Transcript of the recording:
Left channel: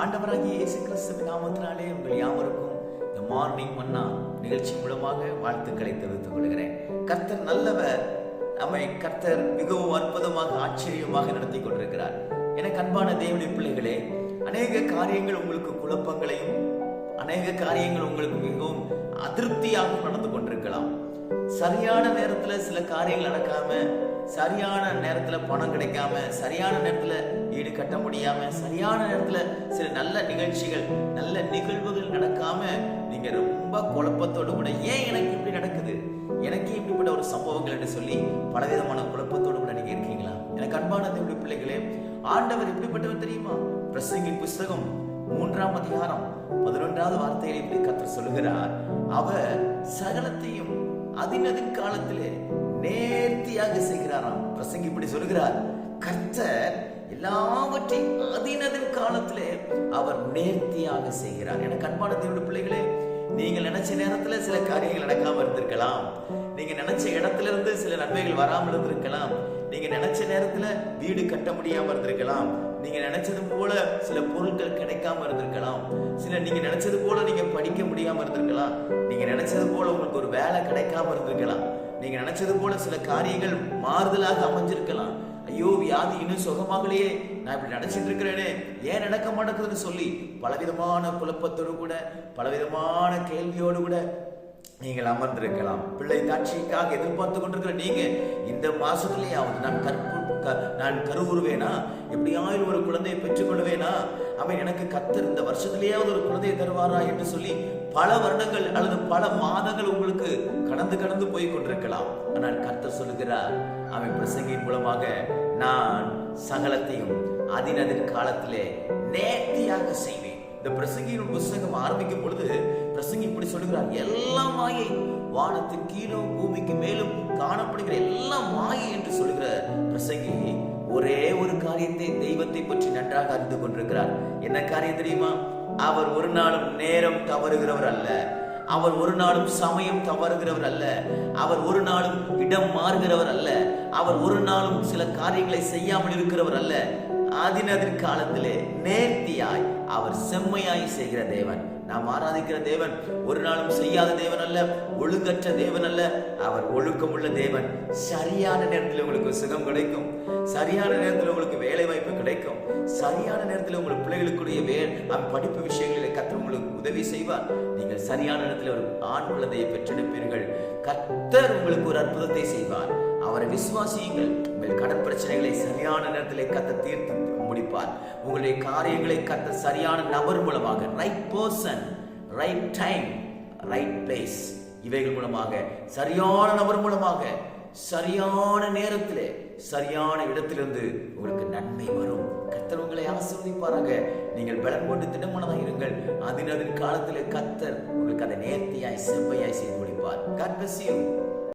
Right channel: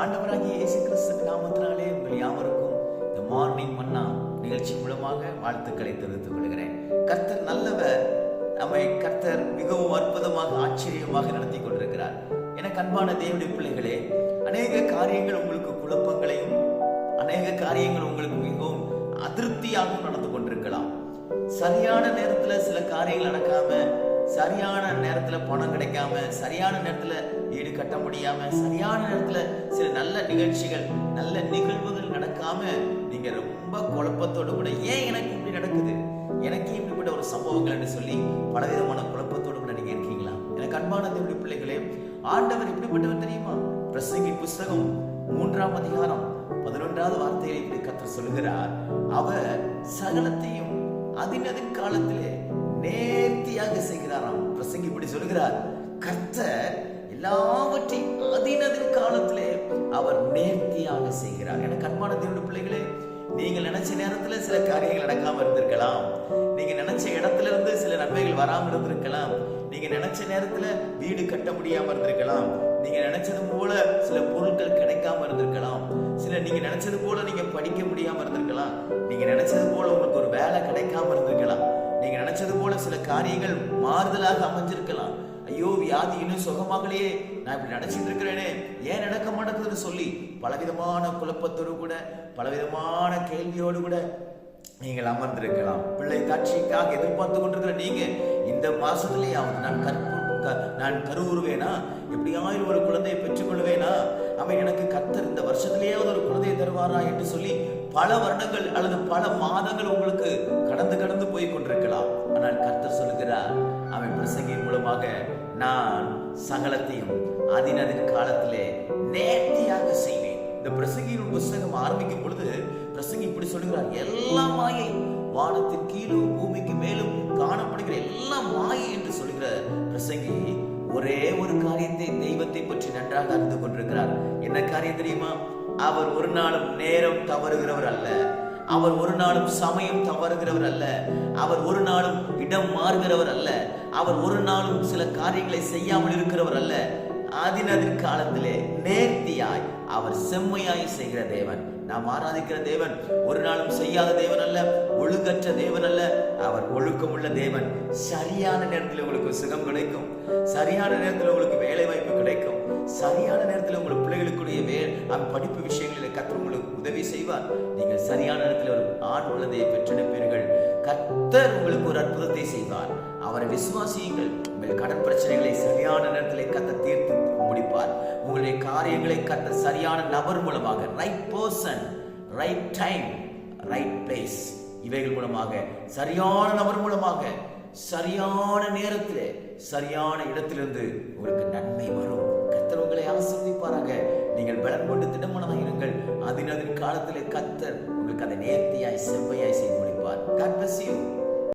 ஆண்டவராகிய இயேசு கிறிஸ்துவின் நாமத்தினாலே உங்கள் யாவருக்கும் இந்த மார்னிங் மன்னா நிகழ்ச்சி மூலமாக வாழ்த்துக்களை தெரிவித்துக் கொள்கிறேன். கர்த்தர் நல்லவர். நம்மை கர்த்தர் மிகவும் அற்புதமாக ஆச்சரியமாக நடத்தி கொண்டிருக்கிறார். என அன்பான தேவனுடைய பிள்ளைகளே அநேக காரியங்கள் உங்களுக்கு குழப்பங்களையும் அநேக காரியங்கள் உங்களுக்கு மிகவும் அதிருப்தியாகவும் நடந்து கொண்டிருக்கலாம். சரியான நேரத்துல சில காரியங்கள் நடக்காம சரியான நேரத்துல பணம் கிடைக்காம சரியான நேரத்துல ஈடு கட்ட முடியாம சரியான நேரத்துல சில நல்ல நிகழ்ச்சிகள் நல்ல நிகழ்வுகள் நடக்காம நீங்க ரொம்ப குழப்பத்தோடு கூட ஏன் எனக்கு இப்படி நடக்குது? எனக்கு இப்படிப்பட்ட ஒரு சம்பவங்கள் என்று சொல்லி பலவிதமான குழப்பத்தோடு கூட நீங்க இருக்கீங்களா? எனக்கு அன்பான தேவனுடைய பிள்ளைகளே ஆண்டவர் இப்படிப்பட்டவர் தெரியுமா? பிரசங்கின் புஸ்தகம் மூன்றாம் அதிகாரம் பதினொன்றாவது வார்த்தையில் இப்படி கத்தர் சொல்கிறார் அவர் சகலத்தையும் அதினதின் காலத்திலே நேர்த்தியாக செய்கிறாராம். பிரசங்கி இப்படி சொல்கிறார் கர்த்தர் எல்லாவற்றையும் அதினதின் காலத்திலே அவர் நேர்த்தியாக செய்கிறார். எனக்கு அன்பான தேவனுடைய பிள்ளைகளே நீங்கள் நினைச்ச நேரத்துல சில காரியங்கள் நடக்காம இருந்திருக்கலாம். நீங்க நினைச்ச இடத்துல இருந்து சில நன்மைகள் வராமல் இருந்திருக்கலாம். நீங்க நினைச்ச நேரத்துல வீடு கட்ட முடியாம இருந்திருக்கலாம். நீங்க நினைச்சது போல சில பொருட்கள் கிடைக்காம இருந்திருக்கலாம். சில நீங்க நினைச்சது போல நீங்க படிக்க முடியாம இருந்திருக்கலாம். நீங்க நினைச்சது போல உங்களுக்கு ஒரு வேலை கிடைக்காம இருந்திருக்கலாம். நீங்க நினைச்சது போல சில காரியங்கள் மாறுதலாக அமைஞ்சிருக்கலாம். ஐயோ வியாதி இன்னும் சுகமாகலையே. நான் இப்படி நினைச்சிட்டு இருக்கிறேனே. ஏன் நடக்க மாட்டேங்குதுன்னு சொல்லி பலவிதமான குழப்பத்தோடு கூட பலவிதமான கேள்வியோடு கூட நீங்கள் அமர்ந்திருக்கலாம். பிள்ளை காட்சிக்காக எதிர்பார்த்து கொண்டிருக்கிற நீங்க இந்த மாசத்திலேயாவது நான் கற்பு க- நான் கருவுருவேனா எப்படியாயிலும் ஒரு குழந்தையை பெற்றுக்கொள்வேனா? அவன் எனக்கு கத்தர் இந்த வருஷத்திலேயாவது ஒரு குழந்தையை தருவாரா என்று சொல்லி பல வருடங்கள் அல்லது பல மாதங்கள் உங்களுக்கு கடந்து கடந்து போய் கொண்டிருக்கலாம். ஆனால் கர்த்தர் சொல்லுகிறார் அவன் பிரசங்கின் மூலமாக நான் சகலத்தையும் அதினதின் காலத்திலே நேர்த்தியாக செய்வேன். இந்த பிரசங்கியின் புஸ்தகம் ஆரம்பிக்கும் பொழுது பிரசங்கி இப்படி சொல்லுகிறார் எல்லா மாயை வானத்தின் கீழும் பூமிக்கு மேலும் காணப்படுகிற எல்லாம் மாயை என்று சொல்கிற பிரசங்கி ஒரே ஒரு காரியத்தை தெய்வத்தை பற்றி நன்றாக அறிந்து கொண்டிருக்கிறார். என்ன காரியம் தெரியுமா? அவர் ஒரு நாளும் நேரம் தவறுகிறவர் அல்ல. அவர் ஒரு நாளும் சமயம் தவறுகிறவர் அல்ல. அவர் ஒரு நாளும் இடம் மாறுகிறவர் அல்ல. அவர் ஒரு நாளும் சில காரியங்களை செய்யாமல் இருக்கிறவர் அல்ல. அதினதின் காலத்திலே நேர்த்தியாய் அவர் செம்மையாய் செய்கிற தேவன். நாம் ஆராதிக்கிற தேவன் ஒரு நாளும் செய்யாத தேவன் அல்ல ஒழுங்கற்ற தேவன் அல்ல அவர் ஒழுக்கமுள்ள தேவன். சரியான நேரத்தில் உங்களுக்கு சுகம் கிடைக்கும். சரியான நேரத்தில் உங்களுக்கு வேலை வாய்ப்பு கிடைக்கும். சரியான நேரத்தில் உங்கள் பிள்ளைகளுக்குரிய வே படிப்பு விஷயங்களில் கத்தர் உங்களுக்கு உதவி செய்வார். நீங்கள் சரியான நேரத்தில் ஒரு ஆண் குழந்தையை பெற்றெடுப்பீர்கள். கத்தர் உங்களுக்கு ஒரு அற்புதத்தை செய்வார். அவரை விசுவாசியுங்கள். உங்கள் கடன் பிரச்சனைகளை சரியான நேரத்தில் கத்த தீர்த்து முடிப்பார். உங்களுடைய காரியங்களை கத்த சரியான நபர் மூலமாக right person right time right place இவைகள் மூலமாக சரியான நபர் மூலமாக சரியான நேரத்தில் சரியான இடத்திலிருந்து உங்களுக்கு நன்மை வரும். கத்தர் உங்களை ஆசிர்வதிப்பாராக. நீங்கள் பலன் கொண்டு திடமானதாக இருங்கள். அதின் அதன் காலத்தில் கத்தர் உங்களுக்கு அதை நேர்த்தியாய் செவ்வையாய் செய்து முடிப்பார். God bless you